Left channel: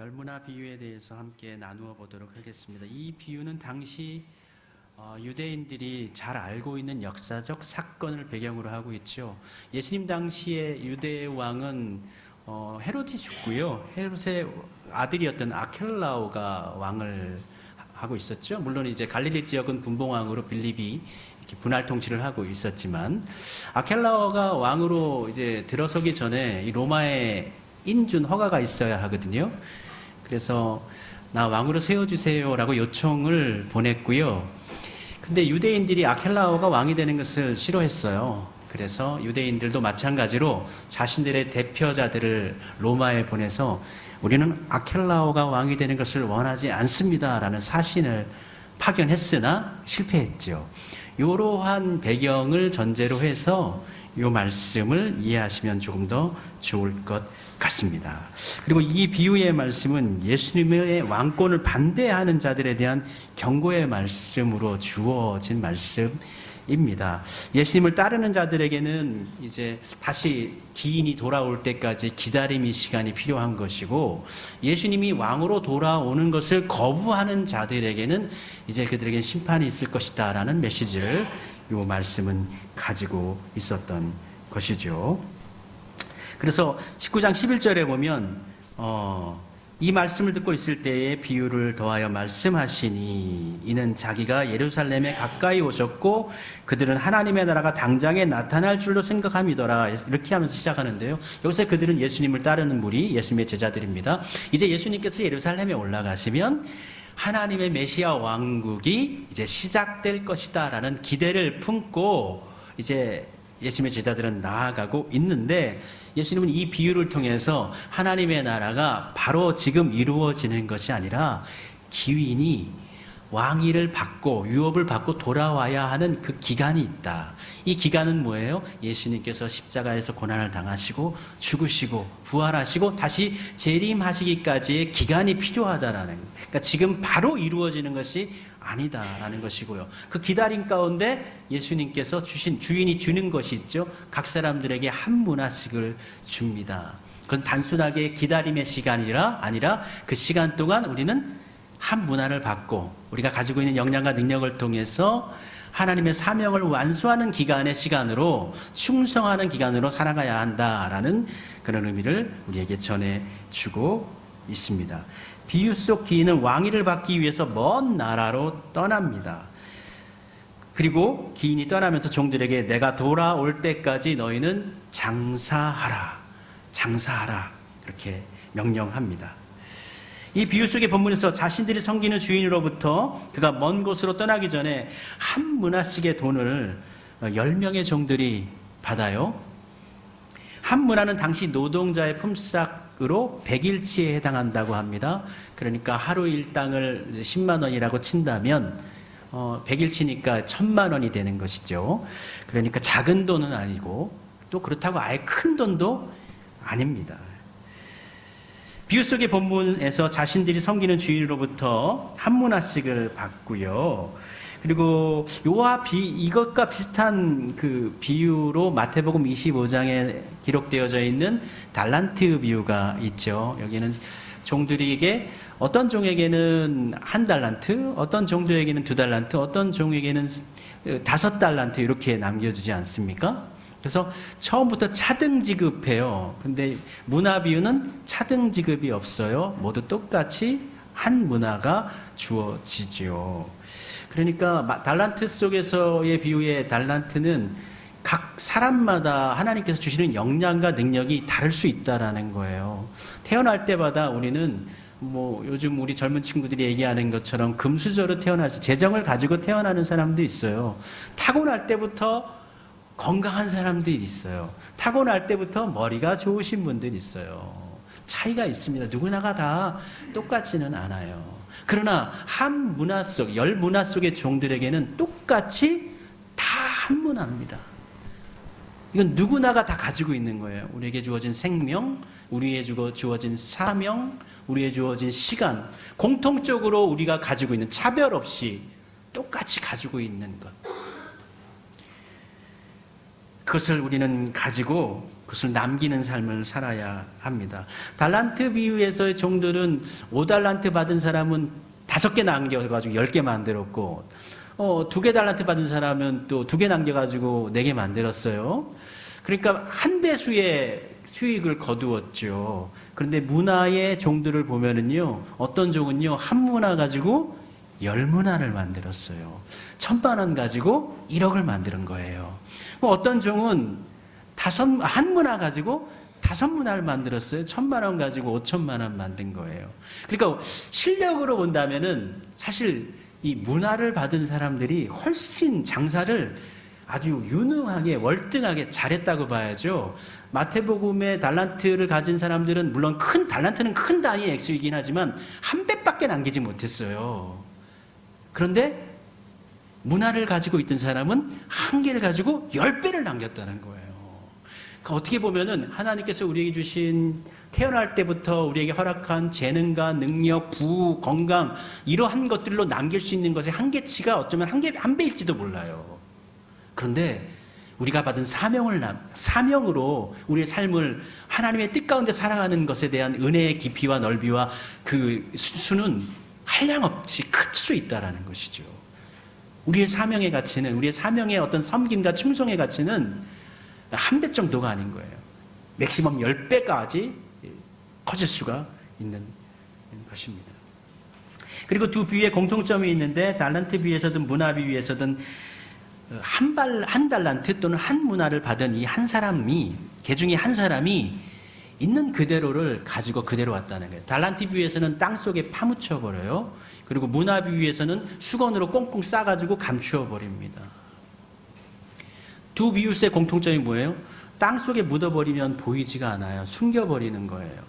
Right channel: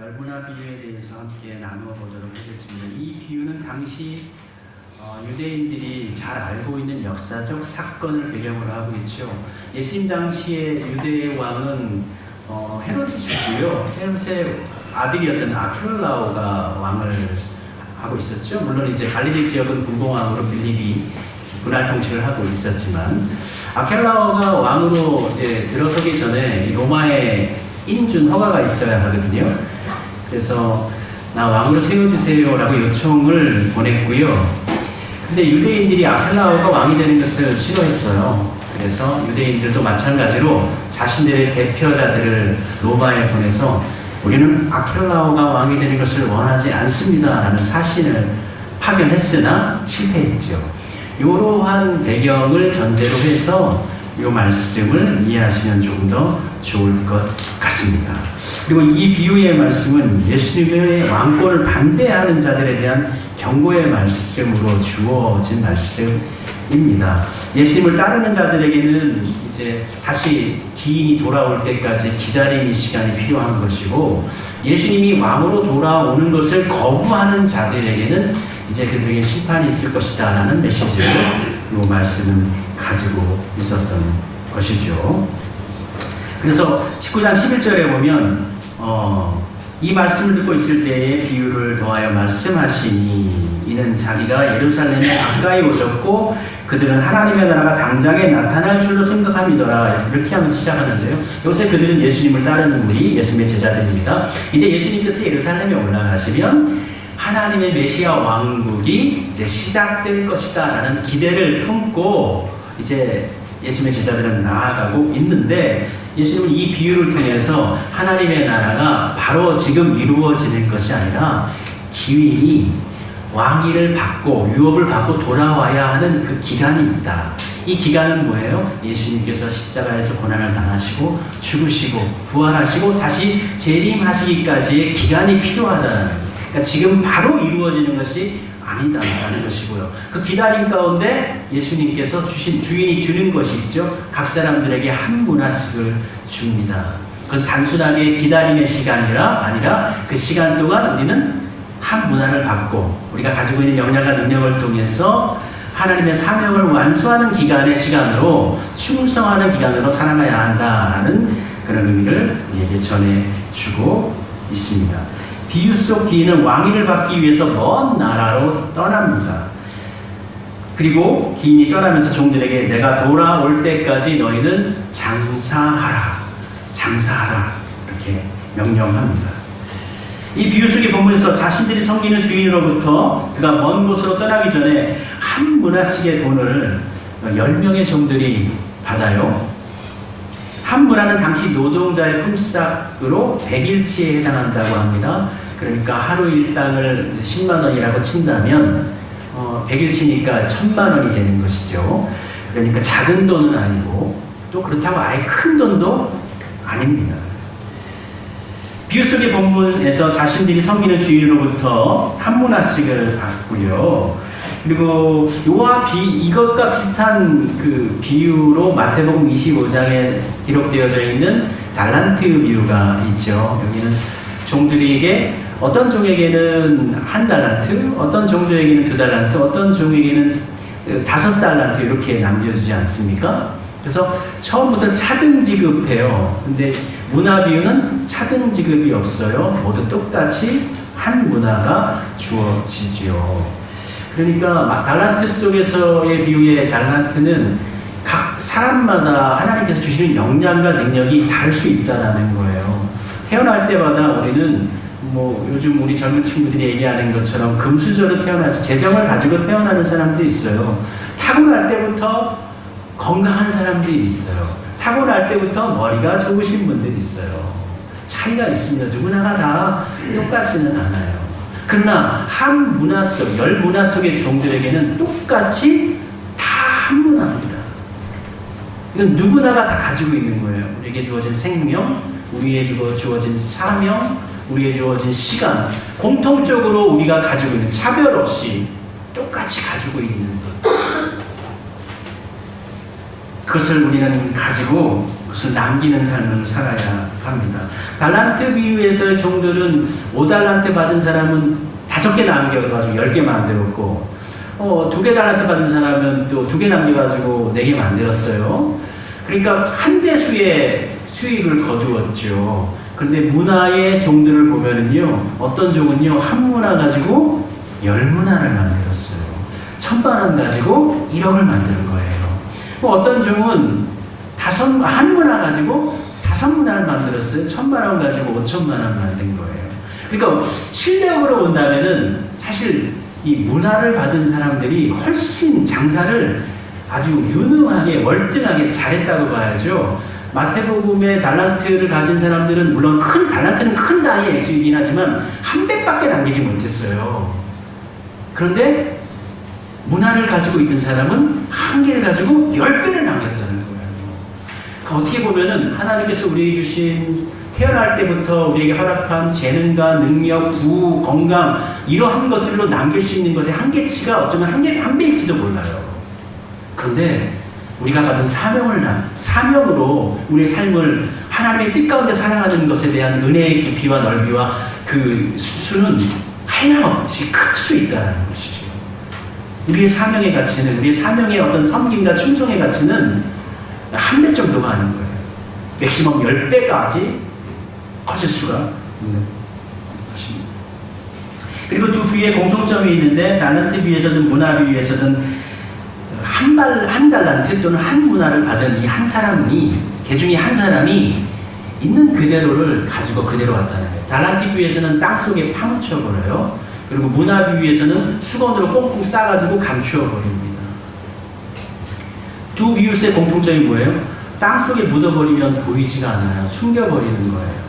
열문화 비유에 대해서 함께 나누어 보도록 하겠습니다. 이 비유는 당시 유대인들이 잘 알고 있는 역사적 사건을 배경으로 하고 있죠. 예수님 당시에 유대의 왕은 헤로디스고요. 헤롯의 아들이었던 아켈라오가 왕을 하고 있었죠. 물론 이제 갈릴리 지역은 분봉왕으로 빌립이 분할 통치를 하고 있었지만, 아켈라오가 왕으로 이제 들어서기 전에 이 로마의 인준 허가가 있어야 하거든요. 그래서 나 왕으로 세워주세요라고 요청을 보냈고요. 근데 유대인들이 아켈라오가 왕이 되는 것을 싫어했어요. 그래서 유대인들도 마찬가지로 자신들의 대표자들을 로마에 보내서 우리는 아켈라오가 왕이 되는 것을 원하지 않습니다 라는 사신을 파견했으나 실패했죠. 이러한 배경을 전제로 해서 이 말씀을 이해하시면 조금 더 좋을 것 같습니다. 그리고 이 비유의 말씀은 예수님의 왕권을 반대하는 자들에 대한 경고의 말씀으로 주어진 말씀입니다. 예수님을 따르는 자들에게는 이제 다시 기인이 돌아올 때까지 기다림의 시간이 필요한 것이고, 예수님이 왕으로 돌아오는 것을 거부하는 자들에게는 이제 그들에게 심판이 있을 것이다 라는 메시지를 이 말씀은 가지고 있었던 것이죠. 그래서 19장 11절에 보면 이 말씀을 듣고 있을 때에 비유를 더하여 말씀하시니 이는 자기가 예루살렘에 가까이 오셨고 그들은 하나님의 나라가 당장에 나타날 줄로 생각함이더라, 이렇게 하면서 시작하는데요. 요새 그들은 예수님을 따르는 우리 예수님의 제자들입니다. 이제 예수님께서 예루살렘에 올라가시면 하나님의 메시아 왕국이 이제 시작될 것이다 라는 기대를 품고 이제 예수님의 제자들은 나아가고 있는데, 예수님은 이 비유를 통해서 하나님의 나라가 바로 지금 이루어지는 것이 아니라 기인이 왕위를 받고 유업을 받고 돌아와야 하는 그 기간이 있다. 이 기간은 뭐예요? 예수님께서 십자가에서 고난을 당하시고 죽으시고 부활하시고 다시 재림하시기까지의 기간이 필요하다는 거예요. 그러니까 지금 바로 이루어지는 것이 아니다라는 것이고요. 그 기다림 가운데 예수님께서 주인이 주는 것이 있죠. 각 사람들에게 한 문화씩을 줍니다. 그건 단순하게 기다림의 시간이라 아니라 그 시간 동안 우리는 한 문화를 받고 우리가 가지고 있는 역량과 능력을 통해서 하나님의 사명을 완수하는 기간의 시간으로, 충성하는 기간으로 살아가야 한다라는 그런 의미를 우리에게 전해주고 있습니다. 비유 속 기인은 왕위를 받기 위해서 먼 나라로 떠납니다. 그리고 기인이 떠나면서 종들에게 내가 돌아올 때까지 너희는 장사하라, 장사하라 이렇게 명령합니다. 이 비유 속의 본문에서 자신들이 섬기는 주인으로부터 그가 먼 곳으로 떠나기 전에 한 문화씩의 돈을 10명의 종들이 받아요. 한 문화는 당시 노동자의 품삯으로 100일치에 해당한다고 합니다. 그러니까 하루 일당을 10만 원이라고 친다면 100일치니까 1000만 원이 되는 것이죠. 그러니까 작은 돈은 아니고 또 그렇다고 아예 큰 돈도 아닙니다. 비유 속의 본문에서 자신들이 섬기는 주인으로부터 한 문화씩을 받고요. 그리고 이것과 비슷한 그 비유로 마태복음 25장에 기록되어져 있는 달란트 비유가 있죠. 여기는 종들에게 어떤 종에게는 1달란트, 어떤 종들에게는 2달란트, 어떤 종에게는 5달란트 이렇게 남겨주지 않습니까? 그래서 처음부터 차등 지급해요. 근데 문화 비유는 차등 지급이 없어요. 모두 똑같이 한 문화가 주어지지요. 그러니까 달란트 속에서의 비유의 달란트는 각 사람마다 하나님께서 주시는 역량과 능력이 다를 수 있다는 거예요. 태어날 때마다 우리는 요즘 우리 젊은 친구들이 얘기하는 것처럼 금수저로 태어나서 재정을 가지고 태어나는 사람도 있어요. 타고날 때부터 건강한 사람들이 있어요. 타고날 때부터 머리가 좋으신 분들이 있어요. 차이가 있습니다. 누구나가 다 똑같지는 않아요. 그러나 한 문화 속, 10문화 속의 종들에게는 똑같이 다 한 문화입니다. 이건 누구나가 다 가지고 있는 거예요. 우리에게 주어진 생명, 우리에게 주어진 사명, 우리에게 주어진 시간, 공통적으로 우리가 가지고 있는, 차별 없이 똑같이 가지고 있는 것. 그것을 우리는 가지고 그것을 남기는 삶을 살아야 합니다. 달란트 비유에서의 종들은 5달란트 받은 사람은 5개 남겨가지고 10개 만들었고 2개 달란트 받은 사람은 또 2개 남겨가지고 4개 만들었어요. 그러니까 한 배수의 수익을 거두었죠. 그런데 문화의 종들을 보면은요, 어떤 종은요, 한 문화 가지고 10문화를 만들었어요. 1,000만 원 가지고 1억을 만드는 거예요. 어떤 종은 한 문화 가지고 5문화를 만들었어요. 1,000만 원 가지고 5,000만 원 만든 거예요. 그러니까 실력으로 본다면은 사실 이 문화를 받은 사람들이 훨씬 장사를 아주 유능하게 월등하게 잘했다고 봐야죠. 마태복음의 달란트를 가진 사람들은 물론 달란트는 큰 단위의 액수이긴 하지만 한 배밖에 남기지 못했어요. 그런데 문화를 가지고 있던 사람은 한 개를 가지고 10배를 남겼다는 거예요. 그러니까 어떻게 보면은 하나님께서 우리에게 주신 태어날 때부터 우리에게 허락한 재능과 능력, 부우, 건강 이러한 것들로 남길 수 있는 것의 한계치가 어쩌면 한 배일지도 몰라요. 그런데 우리가 받은 사명으로 우리의 삶을 하나님의 뜻 가운데 살아가는 것에 대한 은혜의 깊이와 넓이와 그 수는 한량없이 클 수 있다는 것이죠. 우리의 사명의 가치는, 우리의 사명의 어떤 섬김과 충성의 가치는 한 배 정도가 아닌 거예요. 맥시멈 10배까지 커질 수가 있는 것입니다. 그리고 두 비유에 공통점이 있는데, 달란트 비유에서든 문화 비유에서든 한 달란트 또는 한 문화를 받은 이 한 사람이, 개 중에 한 사람이 있는 그대로를 가지고 그대로 왔다는 거예요. 달란트 비유에서는 땅속에 파묻혀 버려요. 그리고 문화 비유에서는 수건으로 꽁꽁 싸가지고 감추어 버립니다. 두 비유의 공통점이 뭐예요? 땅속에 묻어버리면 보이지가 않아요. 숨겨버리는 거예요.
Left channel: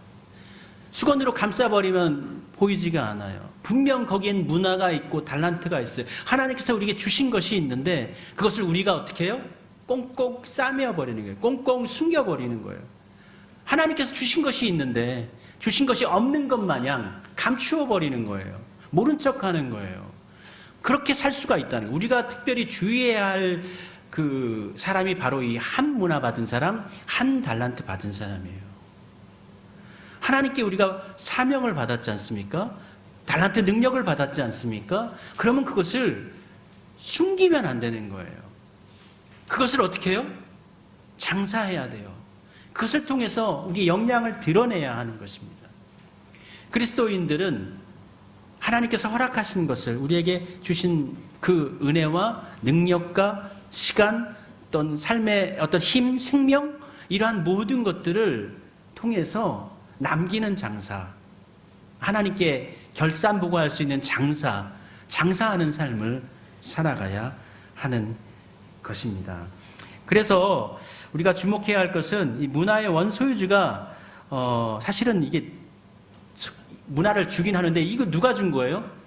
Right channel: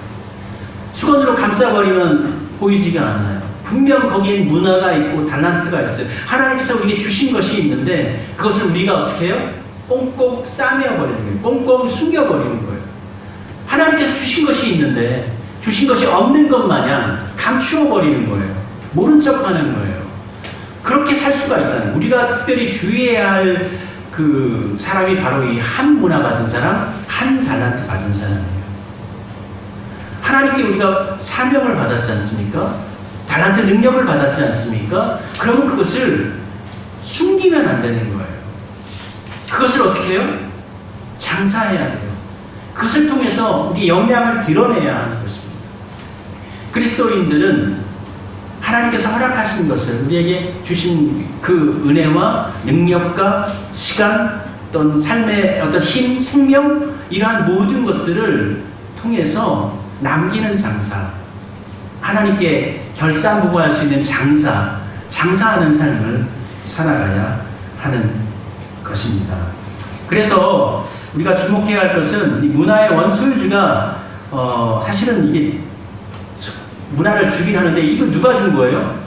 수건으로 감싸버리면 보이지가 않아요. 분명 거기엔 문화가 있고 달란트가 있어요. 하나님께서 우리에게 주신 것이 있는데 그것을 우리가 어떻게 해요? 꽁꽁 싸매어버리는 거예요. 꽁꽁 숨겨버리는 거예요. 하나님께서 주신 것이 있는데 주신 것이 없는 것 마냥 감추어버리는 거예요. 모른 척하는 거예요. 그렇게 살 수가 있다는, 우리가 특별히 주의해야 할 그 사람이 바로 이 한 문화 받은 사람, 한 달란트 받은 사람이에요. 하나님께 우리가 사명을 받았지 않습니까? 달란트 능력을 받았지 않습니까? 그러면 그것을 숨기면 안 되는 거예요. 그것을 어떻게 해요? 장사해야 돼요. 그것을 통해서 우리 역량을 드러내야 하는 것입니다. 그리스도인들은 하나님께서 허락하신 것을, 우리에게 주신 그 은혜와 능력과 시간, 어떤 삶의 어떤 힘, 생명, 이러한 모든 것들을 통해서 남기는 장사, 하나님께 결산보고할 수 있는 장사하는 삶을 살아가야 하는 것입니다. 그래서 우리가 주목해야 할 것은 이 문화의 원소유주가 사실은 이게 문화를 주긴 하는데 이거 누가 준 거예요?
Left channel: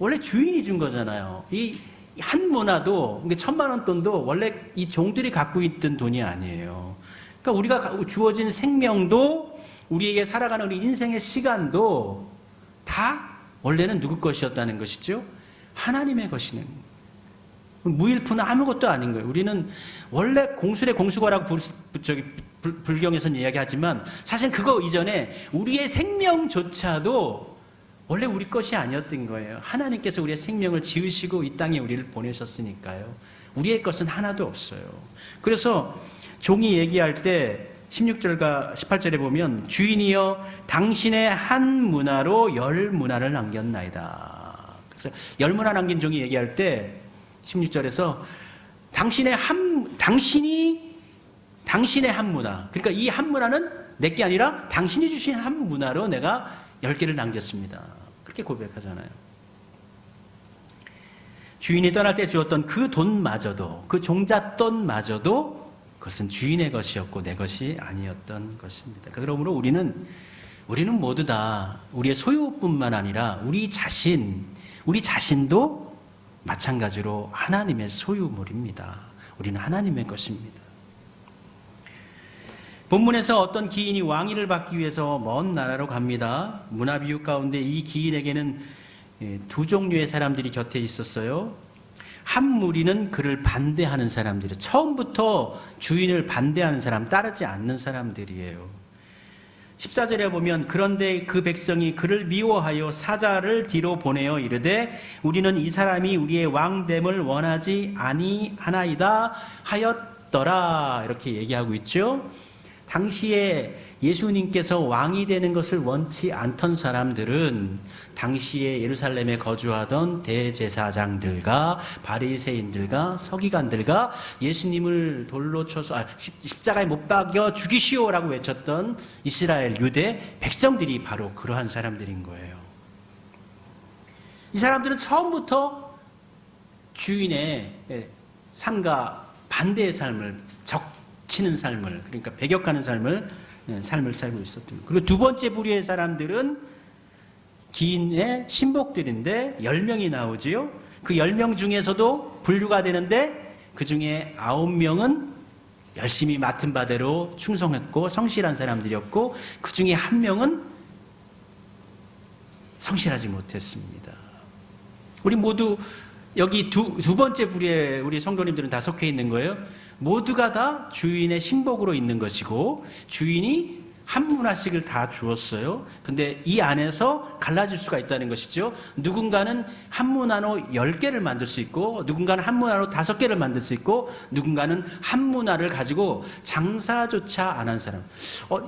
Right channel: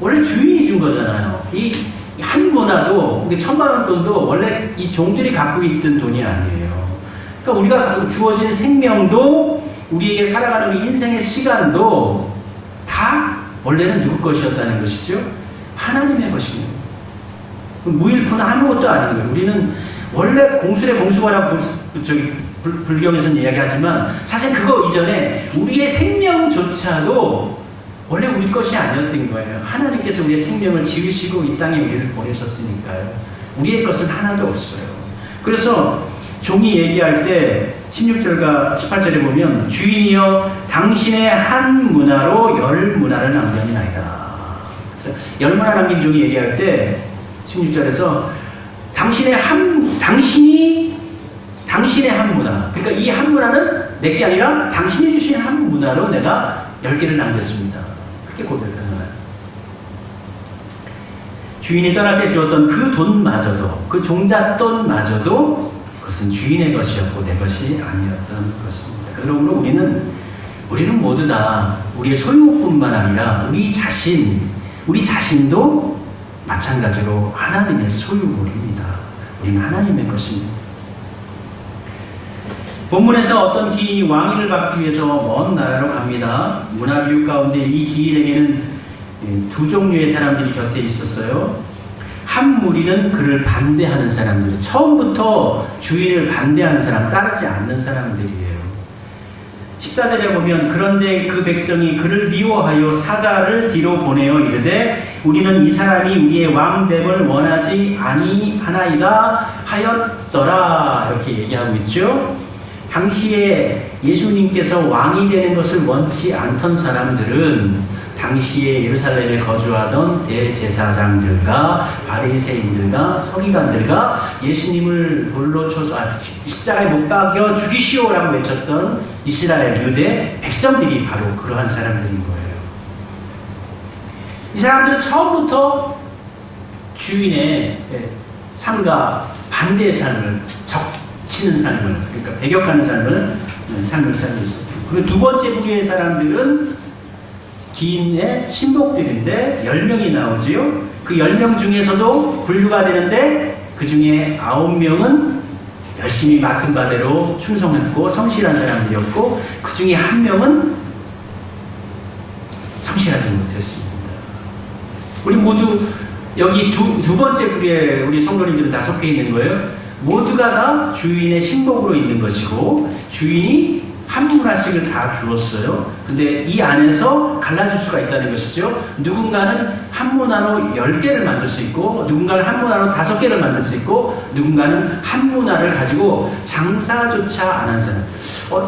원래 주인이 준 거잖아요. 이 한 문화도 1,000만 원 돈도 원래 이 종들이 갖고 있던 돈이 아니에요. 그러니까 우리가 주어진 생명도, 우리에게 살아가는 인생의 시간도 다 원래는 누구 것이었다는 것이죠? 하나님의 것이에요. 무일푼은 아무것도 아닌 거예요. 우리는 원래 공술의 공수거라고 불경에서는 이야기하지만 사실 그거 이전에 우리의 생명조차도 원래 우리 것이 아니었던 거예요. 하나님께서 우리의 생명을 지으시고 이 땅에 우리를 보내셨으니까요. 우리의 것은 하나도 없어요. 그래서 종이 얘기할 때 16절과 18절에 보면 주인이여 당신의 한 문화로 10문화를 남겼나이다. 그래서 10문화 남긴 종이 얘기할 때 16절에서 당신의 한 문화, 그러니까 이 한 문화는 내게 아니라 당신이 주신 한 문화로 내가 10개를 남겼습니다. 그렇게 고백하잖아요. 주인이 떠날 때 주었던 그 돈마저도, 그 종잣돈마저도 그것은 주인의 것이었고 내 것이 아니었던 것입니다. 그러므로 우리는 모두 다 우리의 소유뿐만 아니라 우리 자신도 마찬가지로 하나님의 소유물입니다. 우리는 하나님의 것입니다. 본문에서 어떤 기인이 왕위를 받기 위해서 먼 나라로 갑니다. 문화 비유 가운데 이 기인에게는 두 종류의 사람들이 곁에 있었어요. 한 무리는 그를 반대하는 사람들, 처음부터 주인을 반대하는 사람, 따르지 않는 사람들이에요. 14절에 보면 그런데 그 백성이 그를 미워하여 사자를 뒤로 보내어 이르되 우리는 이 사람이 우리의 왕됨을 원하지 아니하나이다 하였더라. 이렇게 얘기하고 있죠. 당시에 예수님께서 왕이 되는 것을 원치 않던 사람들은 당시에 예루살렘에 거주하던 대제사장들과 바리새인들과 서기관들과 예수님을 돌로 쳐서 십자가에 못 박여 죽이시오라고 외쳤던 이스라엘 유대 백성들이 바로 그러한 사람들인 거예요. 이 사람들은 처음부터 주인의 삶과 반대의 삶을, 적치는 삶을, 그러니까 배격하는 삶을 살고 있었고, 그리고 두 번째 부류의 사람들은 기인의 신복들인데 10명이 나오지요. 그 10명 중에서도 분류가 되는데 그 중에 9명은 열심히 맡은 바대로 충성했고 성실한 사람들이었고 그 중에 1명은 성실하지 못했습니다. 우리 모두 여기 두 번째 부류에 우리 성도님들은 다 속해 있는 거예요. 모두가 다 주인의 신복으로 있는 것이고 주인이 한 문화씩을 다 주었어요. 근데 이 안에서 갈라질 수가 있다는 것이죠. 누군가는 한 문화로 10개를 만들 수 있고 누군가는 한 문화로 5개를 만들 수 있고 누군가는 한 문화를 가지고 장사조차 안 한 사람.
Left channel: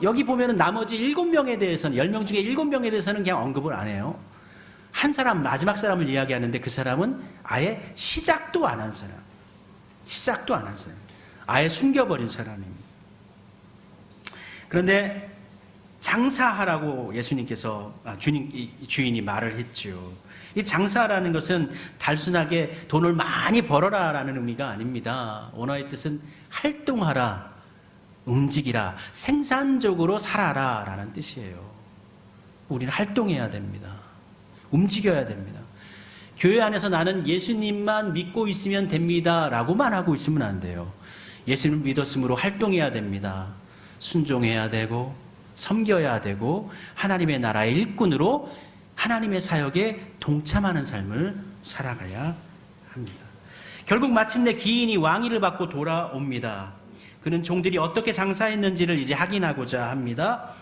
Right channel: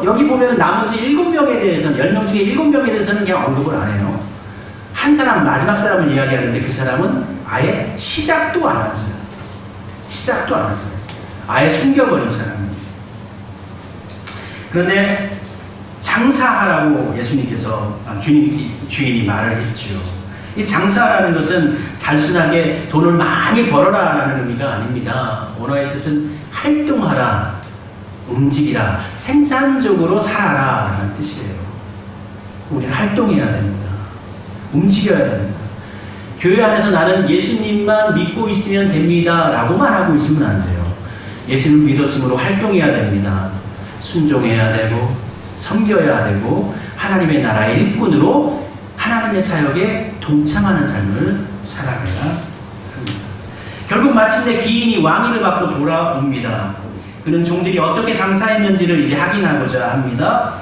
여기 보면 나머지 7명에 대해서는 10명 중에 7명에 대해서는 그냥 언급을 안 해요. 한 사람, 마지막 사람을 이야기하는데 그 사람은 아예 시작도 안 한 사람. 시작도 안 한 사람. 아예 숨겨버린 사람. 그런데 장사하라고 예수님께서 주인이 말을 했죠. 이 장사라는 것은 단순하게 돈을 많이 벌어라라는 의미가 아닙니다. 원어의 뜻은 활동하라, 움직이라, 생산적으로 살아라라는 뜻이에요. 우리는 활동해야 됩니다. 움직여야 됩니다. 교회 안에서 나는 예수님만 믿고 있으면 됩니다라고만 하고 있으면 안 돼요. 예수님을 믿었으므로 활동해야 됩니다. 순종해야 되고 섬겨야 되고 하나님의 나라의 일꾼으로 하나님의 사역에 동참하는 삶을 살아가야 합니다. 결국 마침내 기인이 왕위를 받고 돌아옵니다. 그는 종들이 어떻게 장사했는지를 이제 확인하고자 합니다.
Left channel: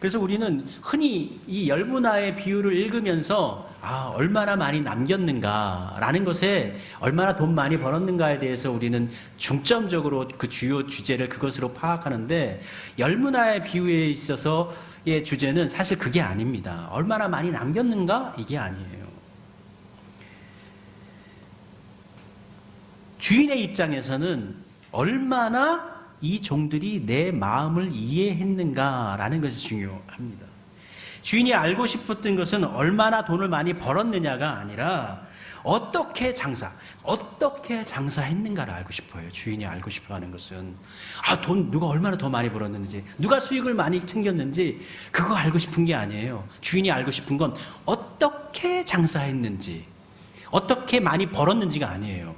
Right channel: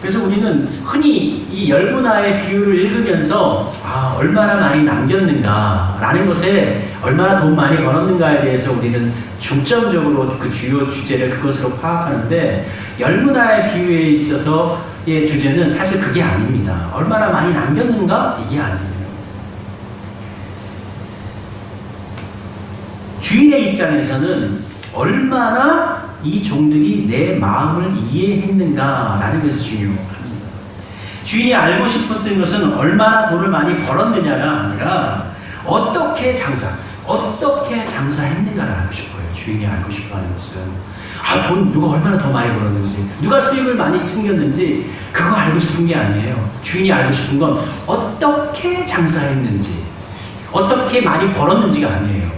그래서 우리는 흔히 이 열문화의 비유를 읽으면서 얼마나 많이 남겼는가라는 것에 얼마나 돈 많이 벌었는가에 대해서 우리는 중점적으로 그 주요 주제를 그것으로 파악하는데 열문화의 비유에 있어서의 주제는 사실 그게 아닙니다. 얼마나 많이 남겼는가? 이게 아니에요. 주인의 입장에서는 얼마나 이 종들이 내 마음을 이해했는가라는 것이 중요합니다. 주인이 알고 싶었던 것은 얼마나 돈을 많이 벌었느냐가 아니라 어떻게 장사했는가를 알고 싶어요. 주인이 알고 싶어하는 것은 돈 누가 얼마나 더 많이 벌었는지, 누가 수익을 많이 챙겼는지 그거 알고 싶은 게 아니에요. 주인이 알고 싶은 건 어떻게 장사했는지, 어떻게 많이 벌었는지가 아니에요.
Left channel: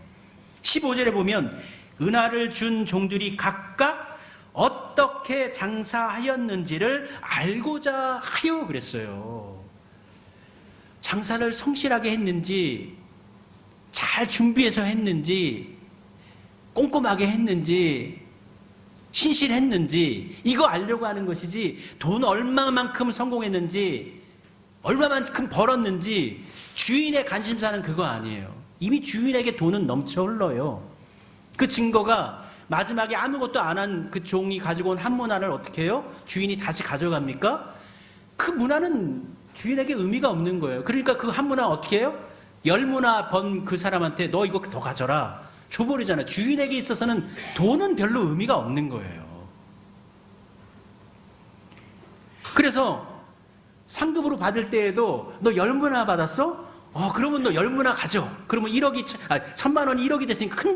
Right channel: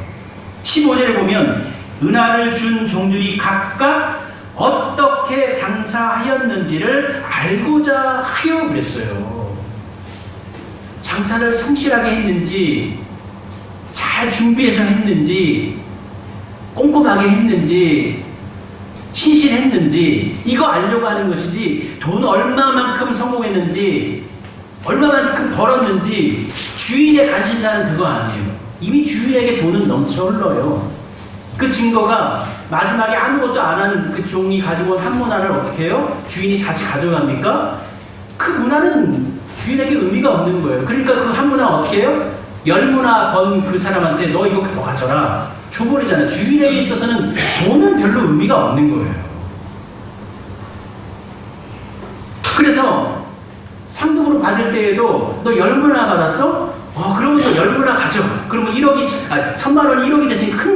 15절에 보면 은화를 준 종들이 각각 어떻게 장사하였는지를 알고자 하여 그랬어요. 장사를 성실하게 했는지, 잘 준비해서 했는지, 꼼꼼하게 했는지, 신실했는지 이거 알려고 하는 것이지 돈 얼마만큼 성공했는지 얼마만큼 벌었는지 주인의 관심사는 그거 아니에요. 이미 주인에게 돈은 넘쳐 흘러요. 그 증거가 마지막에 아무것도 안 한 그 종이 가지고 온 한 문화를 어떻게 해요? 주인이 다시 가져갑니까? 그 문화는 주인에게 의미가 없는 거예요. 그러니까 그 한 문화 어떻게 해요? 10문화 번 그 사람한테 너 이거 더 가져라. 줘버리잖아요. 주인에게 있어서는 돈은 별로 의미가 없는 거예요. 그래서 상급으로 받을 때에도 너 10문화 받았어? 그러면 너 10문화 가져. 그러면 1000만 원이 1억이 됐으니까 큰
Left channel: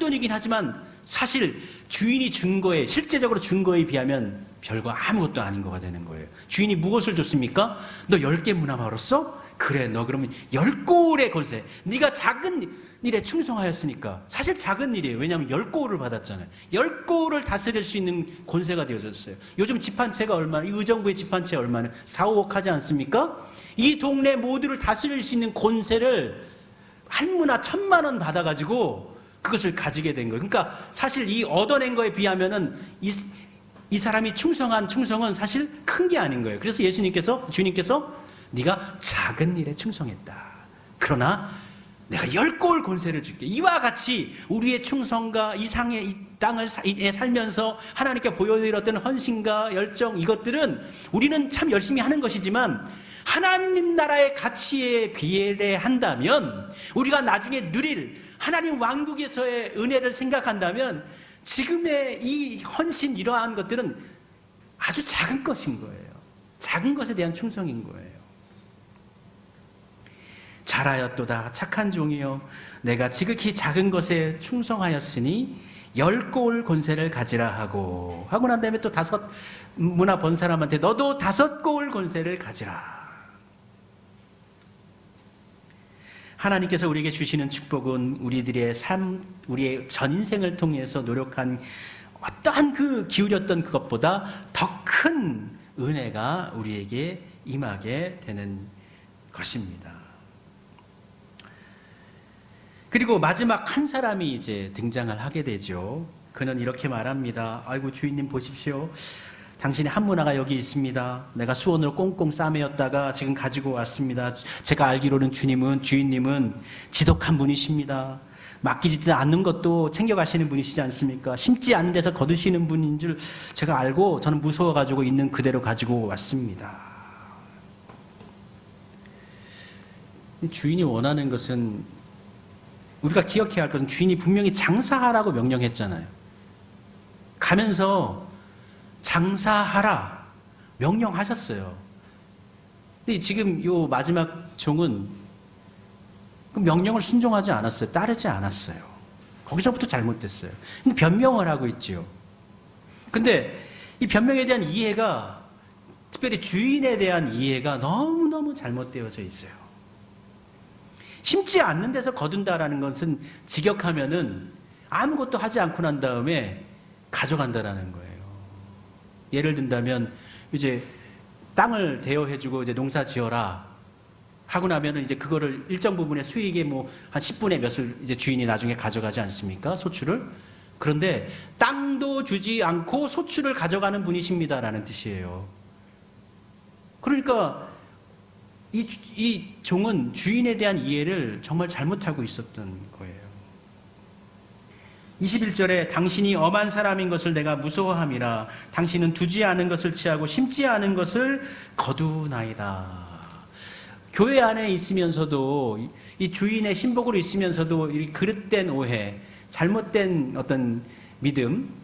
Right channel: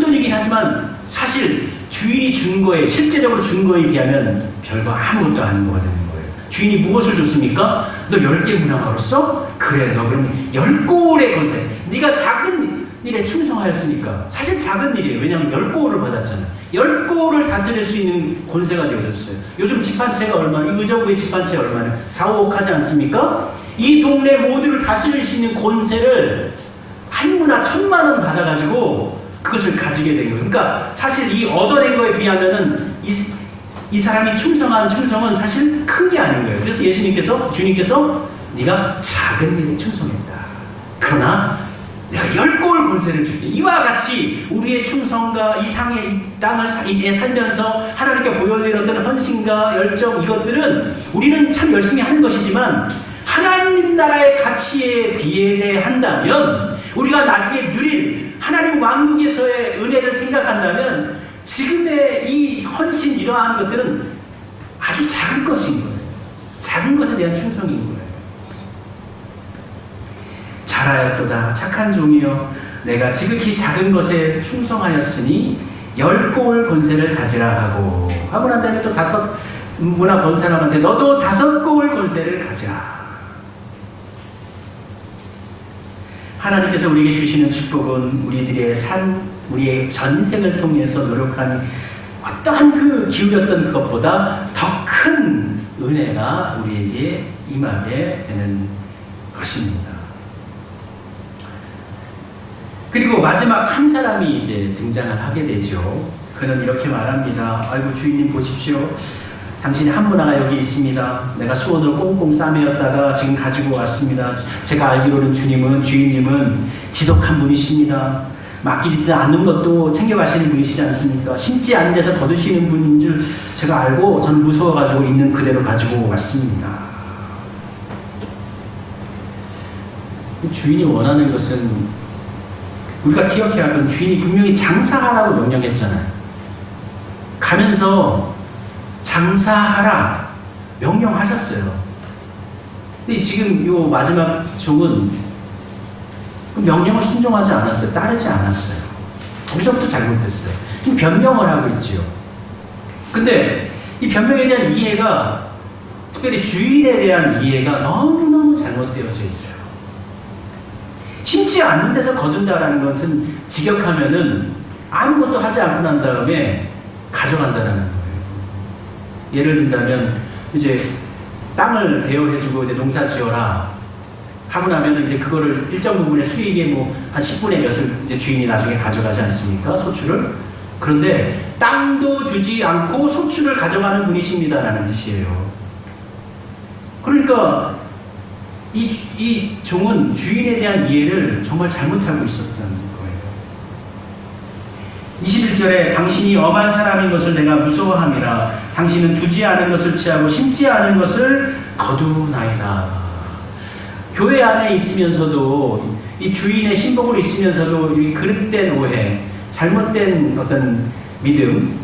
돈이긴 하지만 사실 주인이 준 거에, 실제적으로 준 거에 비하면 별거 아무것도 아닌 거가 되는 거예요. 주인이 무엇을 줬습니까? 너 10개 문화 벌었어? 그래, 너 그러면 10골의 권세. 네가 작은 일에 충성하였으니까. 사실 작은 일이에요. 왜냐하면 10골을 받았잖아요. 10골을 다스릴 수 있는 권세가 되어졌어요. 요즘 집 한 채가 얼마나, 의정부의 집 한 채 얼마나 4, 5억 하지 않습니까? 이 동네 모두를 다스릴 수 있는 권세를 한무나 1,000만 원 받아가지고 그것을 가지게 된 거예요. 그러니까 사실 이 얻어낸 거에 비하면은 이 사람이 충성은 사실 큰 게 아닌 거예요. 그래서 주님께서 네가 작은 일에 충성했다. 그러나 내가 10고을 권세를 줄게. 이와 같이 우리의 충성과 이 땅을 살면서 하나님께 보여드렸던 헌신과 열정, 이것들은 우리는 참 열심히 하는 것이지만 하나님 나라의 가치에 비례한다면, 우리가 나중에 누릴 하나님 왕국에서의 은혜를 생각한다면 지금의 이 헌신, 이러한 것들은 아주 작은 것인 거예요. 작은 것에 대한 충성인 거예요. 잘하였도다 착한 종이여, 내가 지극히 작은 것에 충성하였으니 10고을 권세를 가지라 하고 난 다음에 또 5무나 번 사람한테 너도 5고을 권세를 가지라. 하나님께서 우리에게 주시는 축복은 우리들의 우리의 전생을 통해서 노력한 어떠한 그 기울였던 그것보다 더 큰 은혜가 우리에게 임하게 되는 것입니다. 그리고 마지막 한 사람이 이제 등장을 하게 되죠. 그는 이렇게 말합니다. 아이고 주인님 보십시오. 당신의 한문화가 여기 있습니다. 내가 수원으로 꽁꽁 싸매었다가 지금 가지고 왔습니다. 제가 알기로는 주인님은 지독한 분이십니다. 맡기지도 않는 것도 챙겨가시는 분이시지 않습니까? 심지 않은 데서 거두시는 분인 줄 제가 알고 저는 무서워가지고 있는 그대로 가지고 왔습니다. 주인이 원하는 것은, 우리가 기억해야 할 건, 주인이 분명히 장사하라고 명령했잖아요. 가면서 장사하라 명령하셨어요. 근데 지금 요 마지막 종은 그 명령을 순종하지 않았어요. 따르지 않았어요. 거기서부터 잘못됐어요. 변명을 하고 있지요. 근데 이 변명에 대한 이해가, 특별히 주인에 대한 이해가 너무너무 잘못되어져 있어요. 심지 않는 데서 거둔다라는 것은 직역하면은 아무것도 하지 않고 난 다음에 가져간다라는 거예요. 예를 든다면 이제 땅을 대여해주고 이제 농사 지어라 하고 나면 이제 그거를 일정 부분의 수익의 뭐 한 10분의 몇을 이제 주인이 나중에 가져가지 않습니까? 소출을. 그런데 땅도 주지 않고 소출을 가져가는 분이십니다라는 뜻이에요. 그러니까 이 종은 주인에 대한 이해를 정말 잘못하고 있었던 거예요. 21절에 당신이 엄한 사람인 것을 내가 무서워함이라. 당신은 두지 않은 것을 취하고 심지 않은 것을 거두나이다. 교회 안에 있으면서도, 이 주인의 신복으로 있으면서도 이 그릇된 오해, 잘못된 어떤 믿음,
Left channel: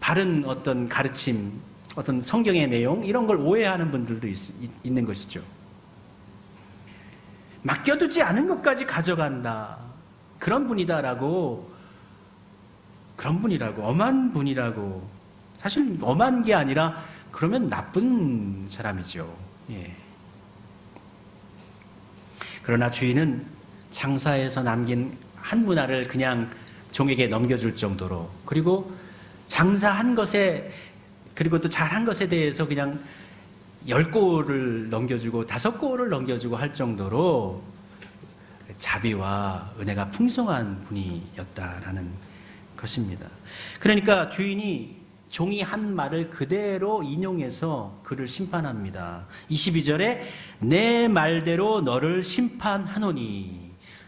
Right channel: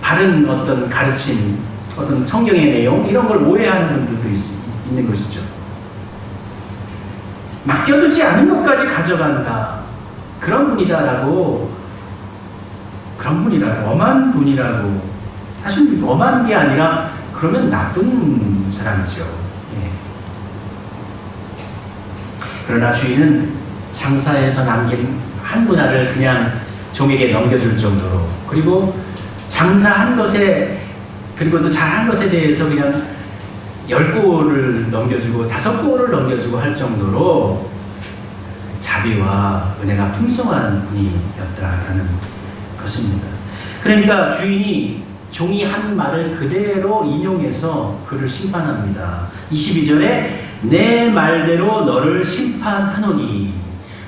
바른 어떤 가르침, 어떤 성경의 내용, 이런 걸 오해하는 분들도 있는 것이죠. 맡겨두지 않은 것까지 가져간다. 그런 분이다라고, 엄한 분이라고. 사실 엄한 게 아니라 그러면 나쁜 사람이죠. 그러나 주인은 장사해서 남긴 한 분할을 그냥 종에게 넘겨줄 정도로, 그리고 장사한 것에, 그리고 또 잘한 것에 대해서 그냥 10고을을 넘겨주고 5고을을 넘겨주고 할 정도로 자비와 은혜가 풍성한 분이었다라는 것입니다. 그러니까 종이 한 말을 그대로 인용해서 그를 심판합니다. 22절에 내 말대로 너를 심판하노니,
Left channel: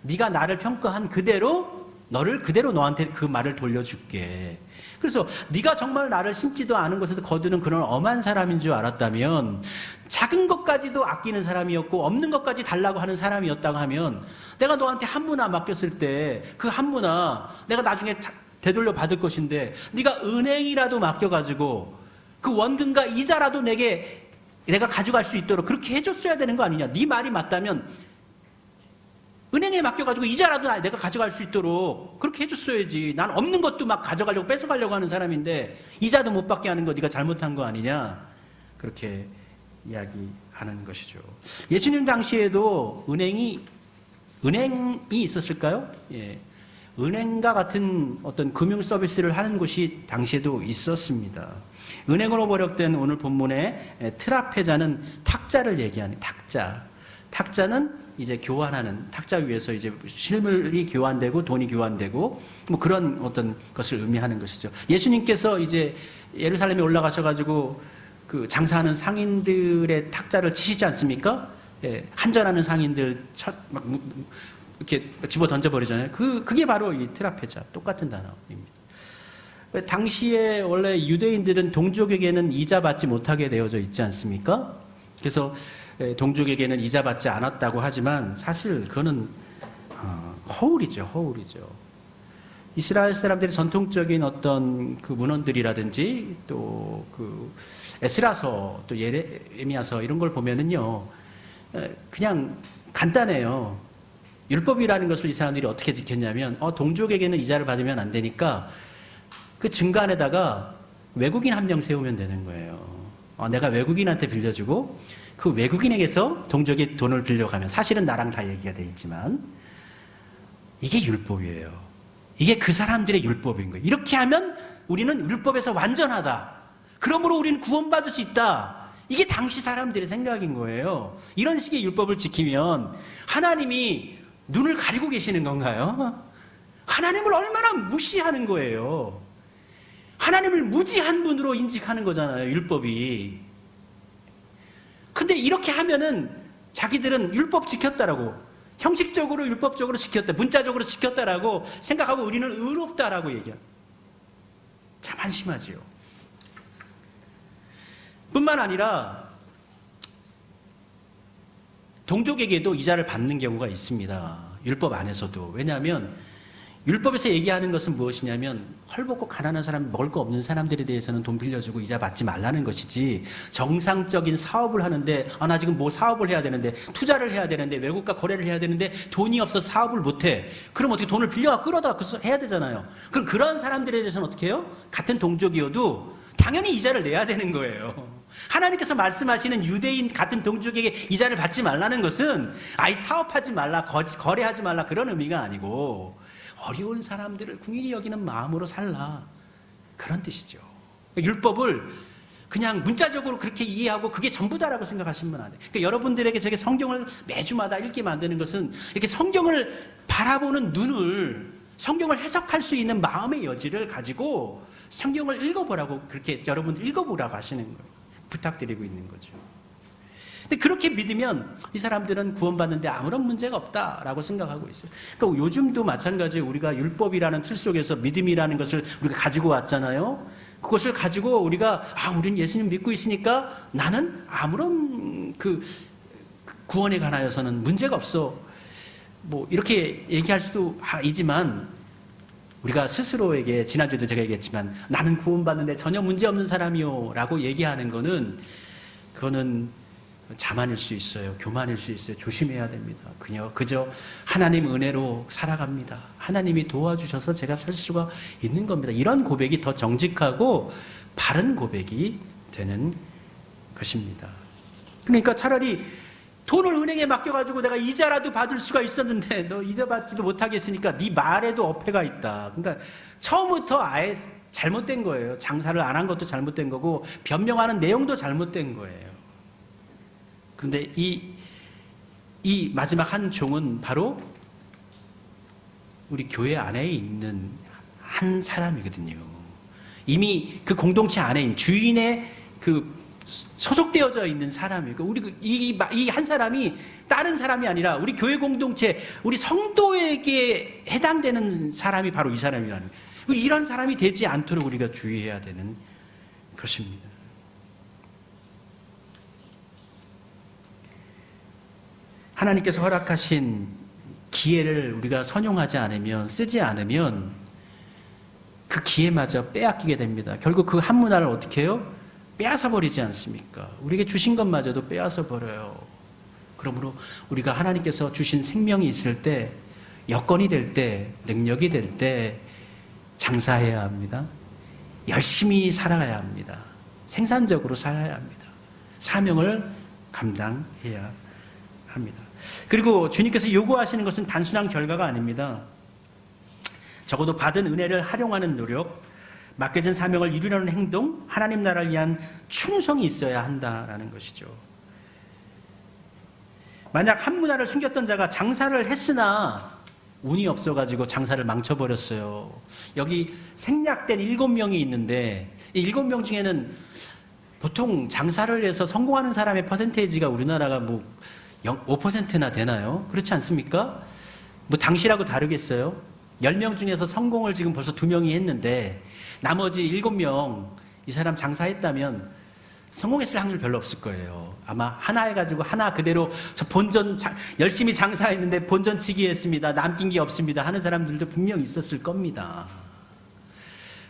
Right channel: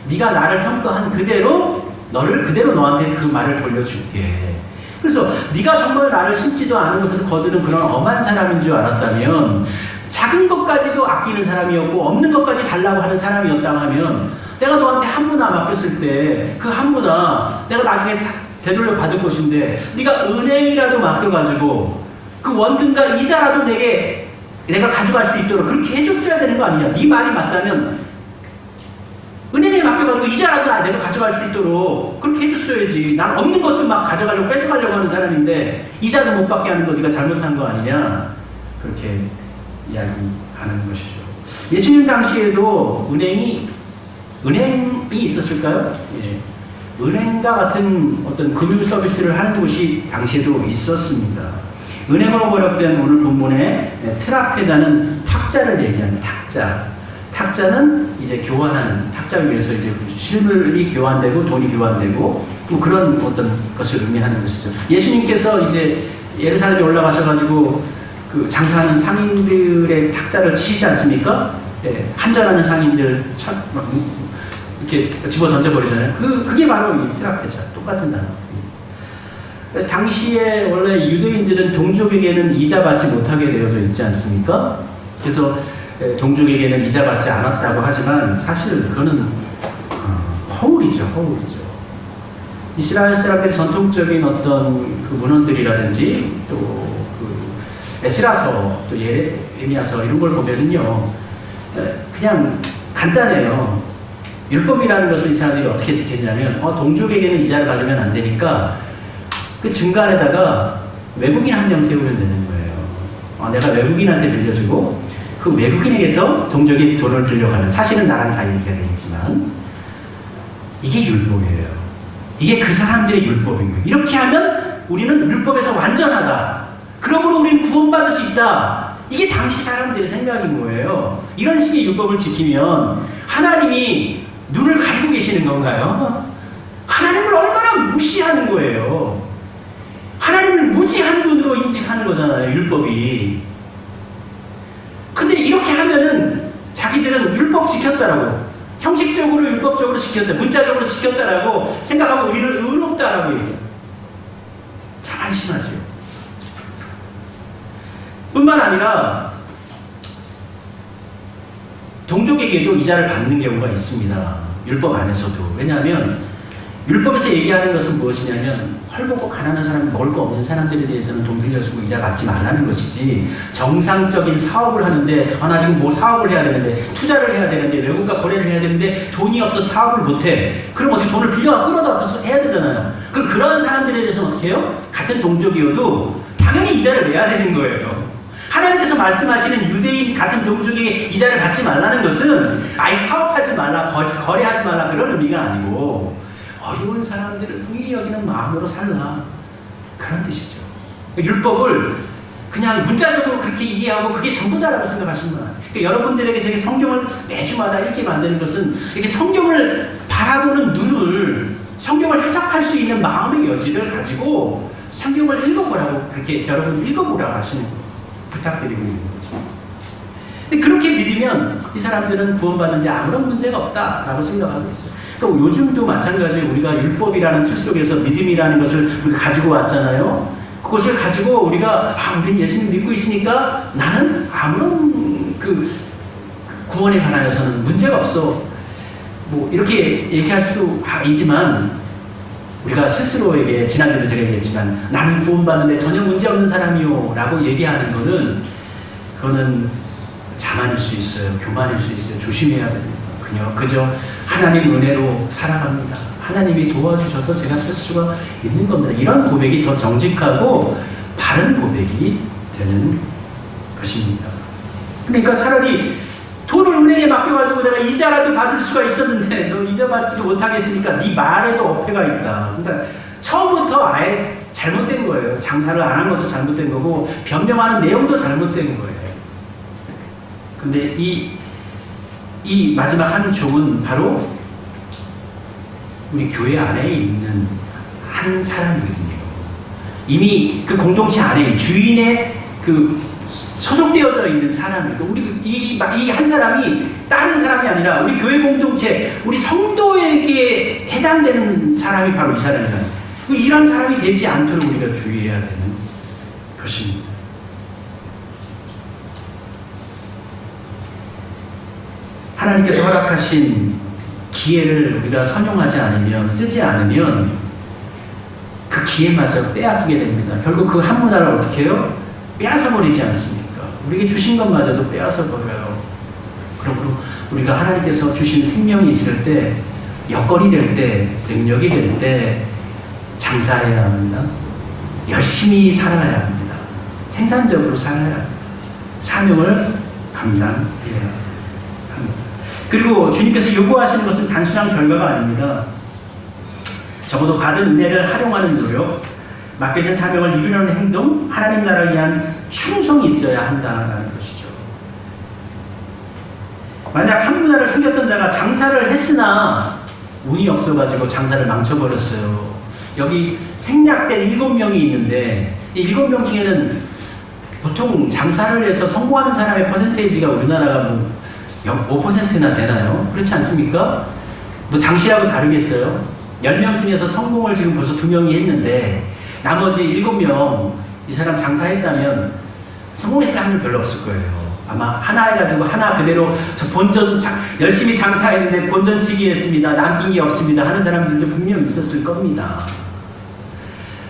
네가 나를 평가한 그대로 너한테 그 말을 돌려줄게. 그래서 네가 정말 나를 심지도 않은 것을 거두는 그런 엄한 사람인 줄 알았다면, 작은 것까지도 아끼는 사람이었고 없는 것까지 달라고 하는 사람이었다고 하면, 내가 너한테 한무나 맡겼을 때 그 한무나 내가 나중에 되돌려 받을 것인데, 네가 은행이라도 맡겨가지고 그 원금과 이자라도 내가 가져갈 수 있도록 그렇게 해줬어야 되는 거 아니냐. 네 말이 맞다면 은행에 맡겨가지고 이자라도 내가 가져갈 수 있도록 그렇게 해줬어야지. 난 없는 것도 막 가져가려고 뺏어가려고 하는 사람인데 이자도 못 받게 하는 거 네가 잘못한 거 아니냐. 그렇게 이야기하는 것이죠. 예수님 당시에도 은행이 있었을까요? 예. 은행과 같은 어떤 금융 서비스를 하는 곳이 당시에도 있었습니다. 은행으로 번역된 오늘 본문의 트라페자는 탁자를 얘기하는, 탁자는 이제 교환하는, 탁자 위에서 이제 실물이 교환되고 돈이 교환되고 뭐 그런 어떤 것을 의미하는 것이죠. 예수님께서 이제 예루살렘에 올라가셔가지고 그 장사하는 상인들의 탁자를 치시지 않습니까? 예, 한전하는 상인들 이렇게 집어 던져버리잖아요. 그게 바로 이 트라페자, 똑같은 단어. 당시에 원래 유대인들은 동족에게는 이자 받지 못하게 되어져 있지 않습니까? 그래서 동족에게는 이자 받지 않았다고 하지만 사실 그거는 허울이죠, 허울이죠. 이스라엘 사람들의 전통적인 어떤 그 문헌들이라든지 또 그 에스라서 또 예레미야서 이런 걸 보면은요, 그냥 간단해요. 율법이라는 것을 이 사람들이 어떻게 지켰냐면, 동족에게는 이자를 받으면 안 되니까 그 중간에다가 외국인 한 명 세우면 되는 거예요. 내가 외국인한테 빌려주고 그 외국인에게서 동족이 돈을 빌려가면, 사실은 나랑 다 얘기가 돼 있지만 이게 율법이에요. 이게 그 사람들의 율법인 거예요. 이렇게 하면 우리는 율법에서 완전하다. 그러므로 우리는 구원받을 수 있다. 이게 당시 사람들의 생각인 거예요. 이런 식의 율법을 지키면 하나님이 눈을 가리고 계시는 건가요? 하나님을 얼마나 무시하는 거예요. 하나님을 무지한 눈으로 인식하는 거잖아요, 율법이. 근데 이렇게 하면은 자기들은 율법 지켰다라고, 형식적으로 율법적으로 지켰다, 문자적으로 지켰다라고 생각하고 우리는 의롭다라고 얘기해요. 참 한심하지요. 뿐만 아니라 동족에게도 이자를 받는 경우가 있습니다. 율법 안에서도. 왜냐하면 율법에서 얘기하는 것은 무엇이냐면, 헐벗고 가난한 사람, 먹을 거 없는 사람들에 대해서는 돈 빌려주고 이자 받지 말라는 것이지, 정상적인 사업을 하는데 나 지금 뭐 사업을 해야 되는데, 투자를 해야 되는데, 외국과 거래를 해야 되는데 돈이 없어서 사업을 못해. 그럼 어떻게 돈을 빌려가 끌어다 해야 되잖아요. 그럼 그런 사람들에 대해서는 어떻게 해요? 같은 동족이어도 당연히 이자를 내야 되는 거예요. 하나님께서 말씀하시는 유대인 같은 동족에게 이자를 받지 말라는 것은 사업하지 말라, 거래하지 말라 그런 의미가 아니고, 어려운 사람들을 긍휼히 여기는 마음으로 살라, 그런 뜻이죠. 율법을 그냥 문자적으로 그렇게 이해하고 그게 전부다라고 생각하시면 안 돼요. 그러니까 여러분들에게 제가 성경을 매주마다 읽게 만드는 것은 이렇게 성경을 바라보는 눈을, 성경을 해석할 수 있는 마음의 여지를 가지고 성경을 읽어보라고, 그렇게 여러분 읽어보라고 하시는 거예요. 부탁드리고 있는 거죠. 근데 그렇게 믿으면 이 사람들은 구원받는데 아무런 문제가 없다라고 생각하고 있어요. 그러니까 요즘도 마찬가지로 우리가 율법이라는 틀 속에서 믿음이라는 것을 우리가 가지고 왔잖아요. 그것을 가지고 우리가 우리는 예수님 믿고 있으니까 나는 아무런 그 구원에 관하여서는 문제가 없어, 뭐 이렇게 얘기할 수 있지만, 우리가 스스로에게, 지난주도 제가 얘기했지만 나는 구원받는데 전혀 문제없는 사람이요 라고 얘기하는 거는, 그거는 자만일 수 있어요. 교만일 수 있어요. 조심해야 됩니다. 그저 하나님 은혜로 살아갑니다. 하나님이 도와주셔서 제가 살 수가 있는 겁니다. 이런 고백이 더 정직하고 바른 고백이 되는 것입니다. 그러니까 차라리 돈을 은행에 맡겨가지고 내가 이자라도 받을 수가 있었는데 너 이자 받지도 못하겠으니까 네 말에도 어폐가 있다. 그러니까 처음부터 아예 잘못된 거예요. 장사를 안 한 것도 잘못된 거고 변명하는 내용도 잘못된 거예요. 근데 이 마지막 한 종은 바로 우리 교회 안에 있는 한 사람이거든요. 이미 그 공동체 안에 주인의 그 소속되어져 있는 사람이고, 우리 이 한 사람이 다른 사람이 아니라 우리 교회 공동체, 우리 성도에게 해당되는 사람이 바로 이 사람이다. 이런 사람이 되지 않도록 우리가 주의해야 되는 것입니다. 하나님께서 허락하신 기회를 우리가 선용하지 않으면, 쓰지 않으면 그 기회마저 빼앗기게 됩니다. 결국 그 한 문화를 어떻게 해요? 빼앗아 버리지 않습니까? 우리에게 주신 것마저도 빼앗아 버려요. 그러므로 우리가 하나님께서 주신 생명이 있을 때, 여건이 될 때, 능력이 될 때 장사해야 합니다. 열심히 살아야 합니다. 생산적으로 살아야 합니다. 사명을 감당해야 합니다. 그리고 주님께서 요구하시는 것은 단순한 결과가 아닙니다. 적어도 받은 은혜를 활용하는 노력, 맡겨진 사명을 이루려는 행동, 하나님 나라를 위한 충성이 있어야 한다는 것이죠. 만약 한 문화를 숨겼던 자가 장사를 했으나 운이 없어가지고 장사를 망쳐버렸어요. 여기 생략된 7명이 있는데 이 7명 중에는 보통 장사를 해서 성공하는 사람의 퍼센테이지가 우리나라가 뭐 5%나 되나요? 그렇지 않습니까? 뭐 당시라고 다르겠어요? 10명 중에서 성공을 지금 벌써 2명이 했는데 나머지 7명 이 사람 장사했다면 성공했을 확률 별로 없을 거예요. 아마 하나 해가지고 하나 그대로 저 본전 열심히 장사했는데 본전치기 했습니다. 남긴 게 없습니다 하는 사람들도 분명 있었을 겁니다.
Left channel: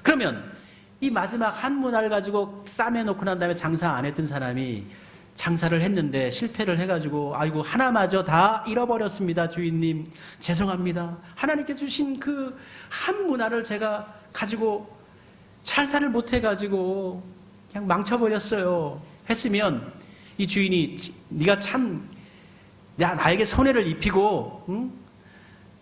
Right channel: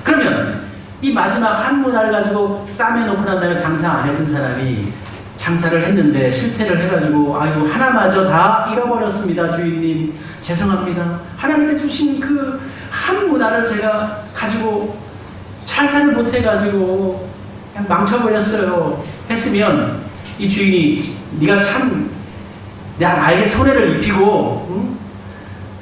그러면 이 마지막 한 문화를 가지고 싸매놓고 난 다음에 장사 안 했던 사람이 장사를 했는데 실패를 해가지고 아이고 하나마저 다 잃어버렸습니다. 주인님 죄송합니다. 하나님께 주신 그 한 문화를 제가 가지고 장사를 못해가지고 그냥 망쳐버렸어요 했으면 이 주인이 네가 참 나에게 손해를 입히고 응?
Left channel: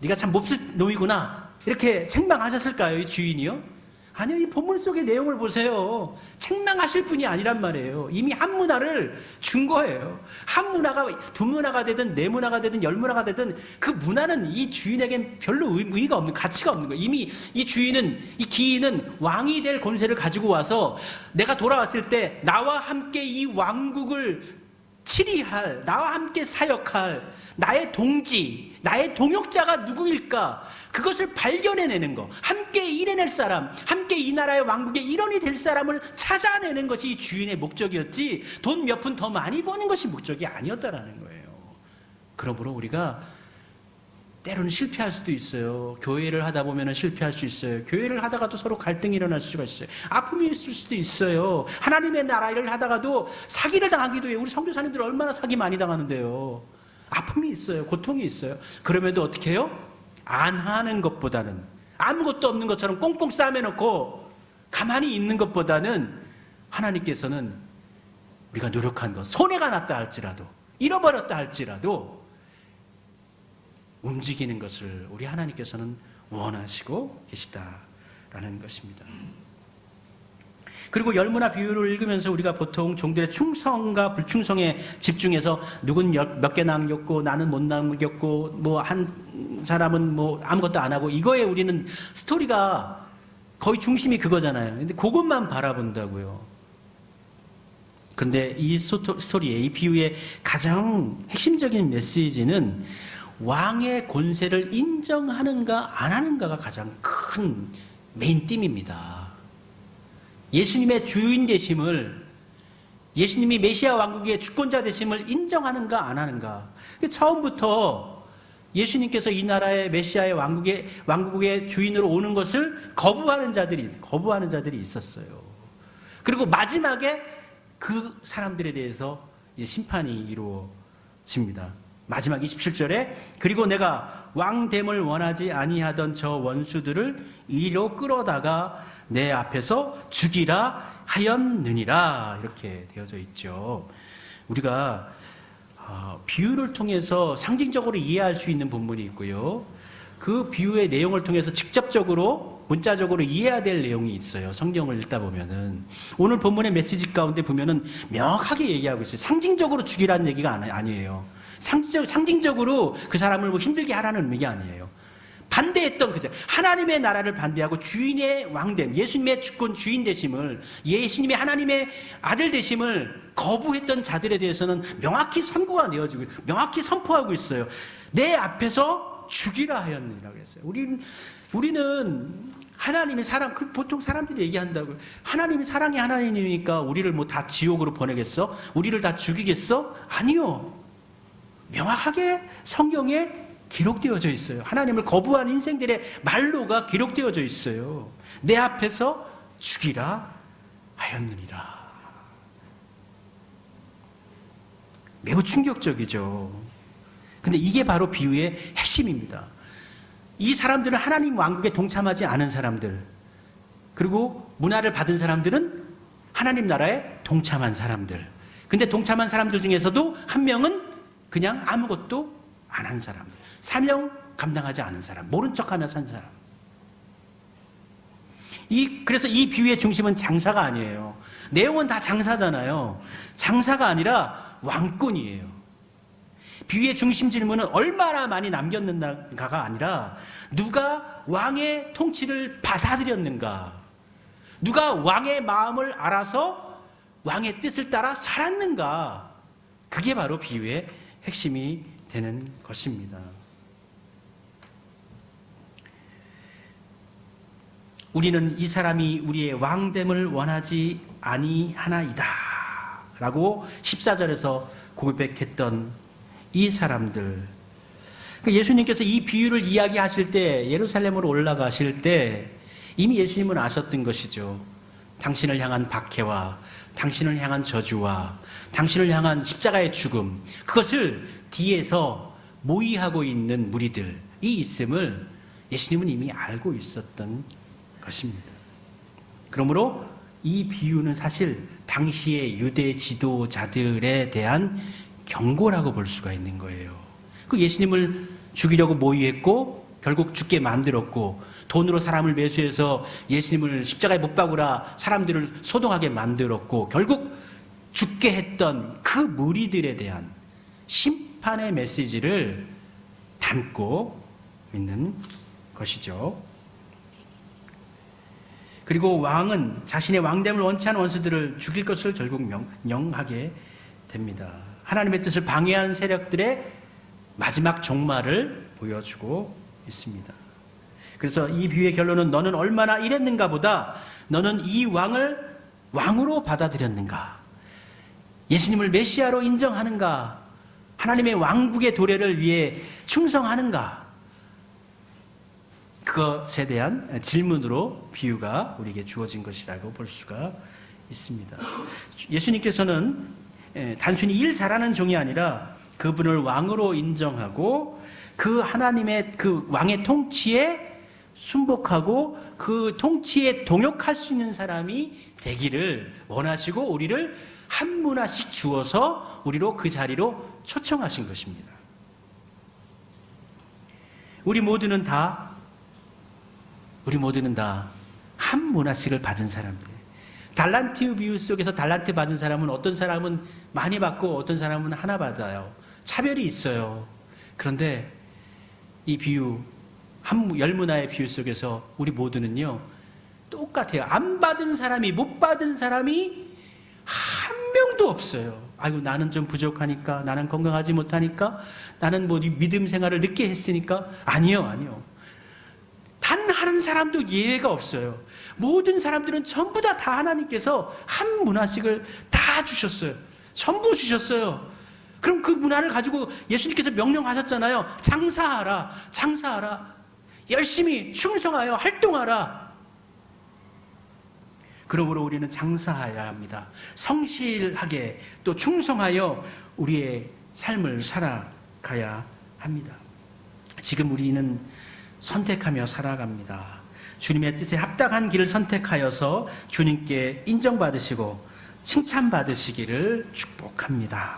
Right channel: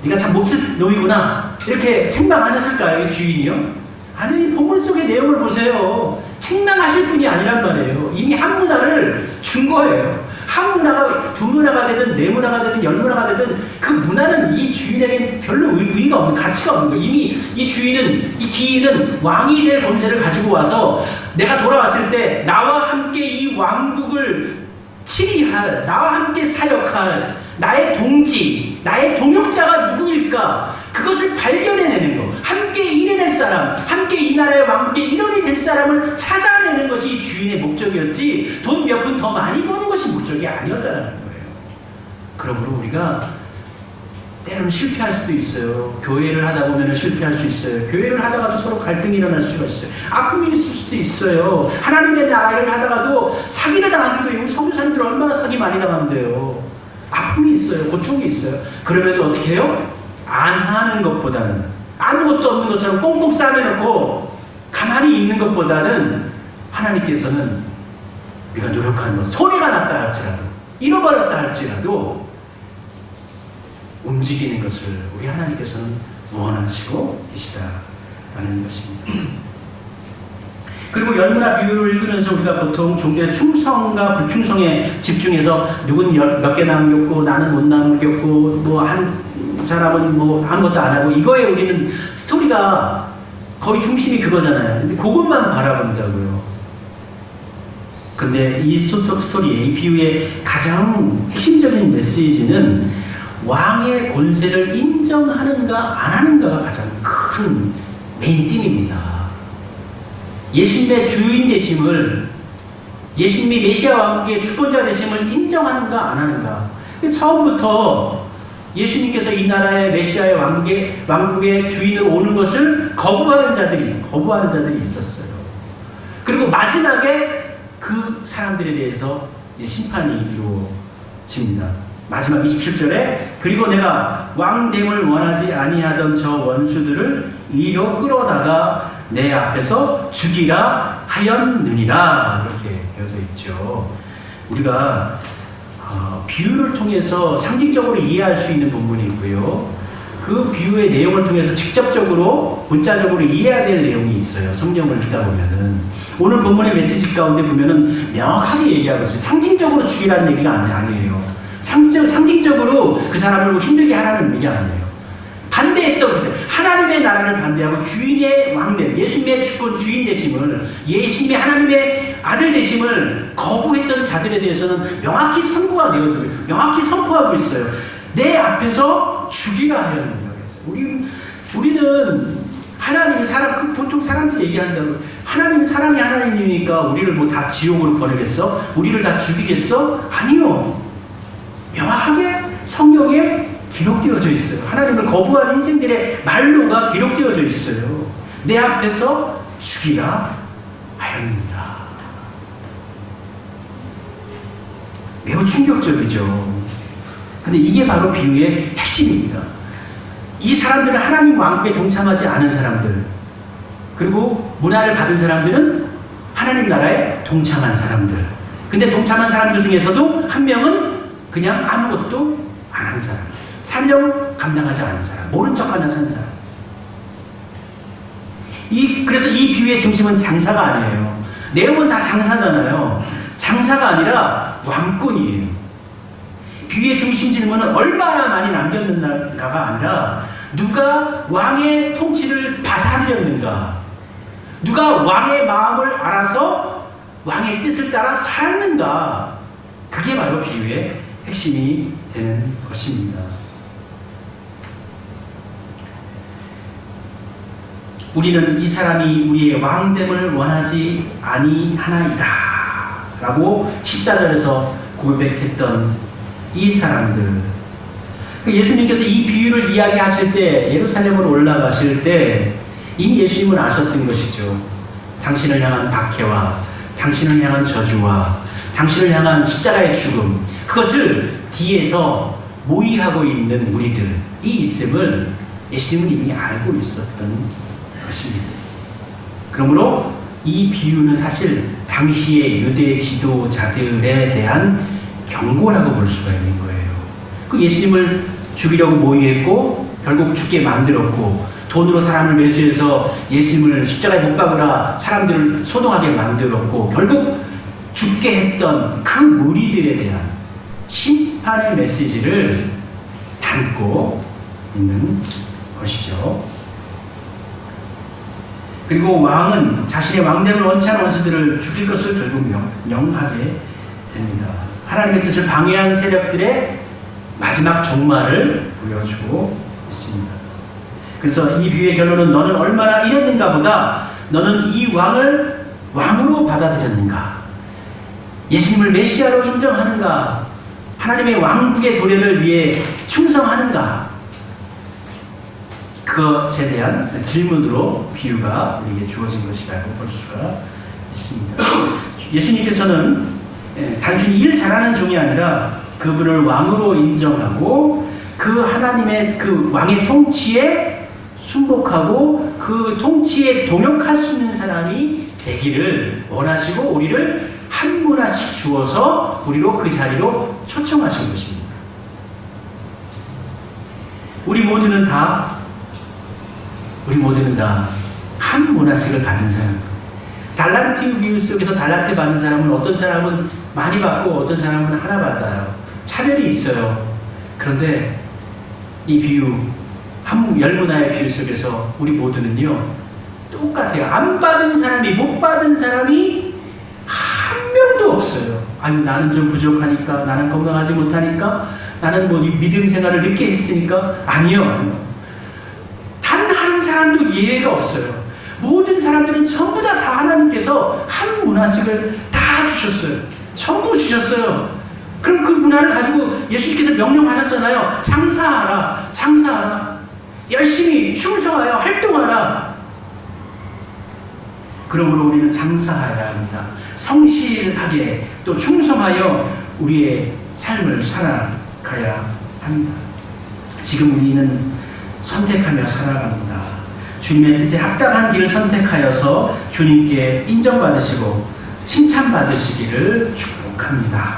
네가 참 몹쓸 놈이구나 이렇게 책망하셨을까요? 이 주인이요? 아니 이 본문 속의 내용을 보세요. 책망하실 분이 아니란 말이에요. 이미 한 문화를 준 거예요. 한 문화가 두 문화가 되든 네 문화가 되든 열 문화가 되든 그 문화는 이 주인에겐 별로 의미가 없는 가치가 없는 거예요. 이미 이 주인은 이 기인은 왕이 될 권세를 가지고 와서 내가 돌아왔을 때 나와 함께 이 왕국을 치리할 나와 함께 사역할 나의 동지 나의 동역자가 누구일까 그것을 발견해내는 거 함께 일해낼 사람 함께 이 나라의 왕국의 일원이 될 사람을 찾아내는 것이 이 주인의 목적이었지 돈 몇 푼 더 많이 버는 것이 목적이 아니었다는 거예요. 그러므로 우리가 때로는 실패할 수도 있어요. 교회를 하다 보면 실패할 수 있어요. 교회를 하다가도 서로 갈등이 일어날 수가 있어요. 아픔이 있을 수도 있어요. 하나님의 나라를 하다가도 사기를 당하기도 해요. 우리 선교사님들 얼마나 사기 많이 당하는데요. 아픔이 있어요. 고통이 있어요. 그럼에도 어떻게 해요? 안 하는 것보다는 아무것도 없는 것처럼 꽁꽁 싸매놓고 가만히 있는 것보다는 하나님께서는 우리가 노력한 것 손해가 났다 할지라도 잃어버렸다 할지라도 움직이는 것을 우리 하나님께서는 원하시고 계시다라는 것입니다. 그리고 열문화 비유를 읽으면서 우리가 보통 종교의 충성과 불충성에 집중해서 누군 몇 개 남겼고 나는 못 남겼고 뭐 한 사람은 뭐 아무것도 안 하고 이거에 우리는 스토리가 거의 중심이 그거잖아요. 근데 그것만 바라본다고요. 근데 이 스토리의 이 비유의 가장 핵심적인 메시지는 왕의 권세를 인정하는가 안 하는가가 가장 큰 메인 띠입니다. 예수님의 주인 되심을 예수님이 메시아 왕국의 주권자 되심을 인정하는가 안 하는가. 처음부터 예수님께서 이 나라의 메시아의 왕국의 주인으로 오는 것을 거부하는 자들이 있었어요. 그리고 마지막에 그 사람들에 대해서 심판이 이루어집니다. 마지막 27절에 그리고 내가 왕됨을 원하지 아니하던 저 원수들을 이리로 끌어다가 내 앞에서 죽이라 하였느니라 이렇게 되어져 있죠. 우리가 비유를 통해서 상징적으로 이해할 수 있는 부분이 있고요. 그 비유의 내용을 통해서 직접적으로 문자적으로 이해해야 될 내용이 있어요. 성경을 읽다 보면은 오늘 본문의 메시지 가운데 보면은 명확하게 얘기하고 있어요. 상징적으로 죽이라는 얘기가 아니에요. 상징적으로 그 사람을 뭐 힘들게 하라는 얘기 아니에요. 반대했던 거죠. 하나님의 나라를 반대하고 주인의 왕됨, 예수님의 주권 주인 되심을, 예수님의 하나님의 아들 되심을 거부했던 자들에 대해서는 명확히 선고가 되어지고 명확히 선포하고 있어요. 내 앞에서 죽이라 하였느냐고 했어요. 우리는 하나님이 보통 사람들이 얘기한다고 하나님이 사랑의 하나님이니까 우리를 뭐 다 지옥으로 보내겠어? 우리를 다 죽이겠어? 아니요. 명확하게 성경에 기록되어져 있어요. 하나님을 거부한 인생들의 말로가 기록되어져 있어요. 내 앞에서 죽이라 하였느니라. 매우 충격적이죠. 근데 이게 바로 비유의 핵심입니다. 이 사람들은 하나님 왕국에 동참하지 않은 사람들, 그리고 문화를 받은 사람들은 하나님 나라에 동참한 사람들. 근데 동참한 사람들 중에서도 한 명은 그냥 아무것도 안 한 사람, 사명 감당하지 않은 사람, 모른 척하며 산 사람. 그래서 이 비유의 중심은 장사가 아니에요. 내용은 다 장사잖아요. 장사가 아니라 왕권이에요. 비유의 중심 질문은 얼마나 많이 남겼는가가 아니라 누가 왕의 통치를 받아들였는가, 누가 왕의 마음을 알아서 왕의 뜻을 따라 살았는가, 그게 바로 비유의 핵심이 되는 것입니다. 우리는 이 사람이 우리의 왕됨을 원하지 아니하나이다 라고 14절에서 고백했던 이 사람들, 예수님께서 이 비유를 이야기하실 때, 예루살렘으로 올라가실 때 이미 예수님은 아셨던 것이죠. 당신을 향한 박해와 당신을 향한 저주와 당신을 향한 십자가의 죽음, 그것을 뒤에서 모의하고 있는 무리들이 있음을 예수님은 이미 알고 있었던 것입니다. 그러므로 이 비유는 사실 당시의 유대 지도자들에 대한 경고라고 볼 수가 있는 거예요. 그 예수님을 죽이려고 모의했고 결국 죽게 만들었고, 돈으로 사람을 매수해서 예수님을 십자가에 못 박으라 사람들을 소동하게 만들었고, 결국 죽게 했던 그 무리들에 대한 심판의 메시지를 담고 있는 것이죠. 그리고 왕은 자신의 왕됨을 원치 않은 원수들을 죽일 것을 결국 명하게 됩니다. 하나님의 뜻을 방해한 세력들의 마지막 종말을 보여주고 있습니다. 그래서 이 비유의 결론은 너는 얼마나 이랬는가 보다 너는 이 왕을 왕으로 받아들였는가, 예수님을 메시아로 인정하는가, 하나님의 왕국의 도래를 위해 충성하는가, 그것에 대한 질문으로 비유가 우리에게 주어진 것이라고 볼 수가 있습니다. 예수님께서는 단순히 일 잘하는 종이 아니라 그분을 왕으로 인정하고 그 하나님의 그 왕의 통치에 순복하고 그 통치에 동역할 수 있는 사람이 되기를 원하시고 우리를 한 문화씩 주어서 우리로 그 자리로 초청하신 것입니다. 우리 모두는 다 한 문화씩을 받은 사람. 달란트 비유 속에서 달란트 받은 사람은 어떤 사람은 많이 받고 어떤 사람은 하나 받아요. 차별이 있어요. 그런데 이 비유, 열문화의 비유 속에서 우리 모두는요 똑같아요. 안 받은 사람이, 못 받은 사람이 한 명도 없어요. 아유, 나는 좀 부족하니까, 나는 건강하지 못하니까, 나는 뭐 믿음 생활을 늦게 했으니까. 아니요. 단 한 사람도 예외가 없어요. 모든 사람들은 전부 다 하나님께서 한 문화씩을 다 주셨어요. 전부 주셨어요. 그럼 그 문화를 가지고 예수님께서 명령하셨잖아요. 장사하라, 장사하라. 열심히 충성하여 활동하라. 그러므로 우리는 장사해야 합니다. 성실하게 또 충성하여 우리의 삶을 살아가야 합니다. 지금 우리는 선택하며 살아갑니다. 주님의 뜻에 합당한 길을 선택하여서 주님께 인정받으시고 칭찬받으시기를 축복합니다.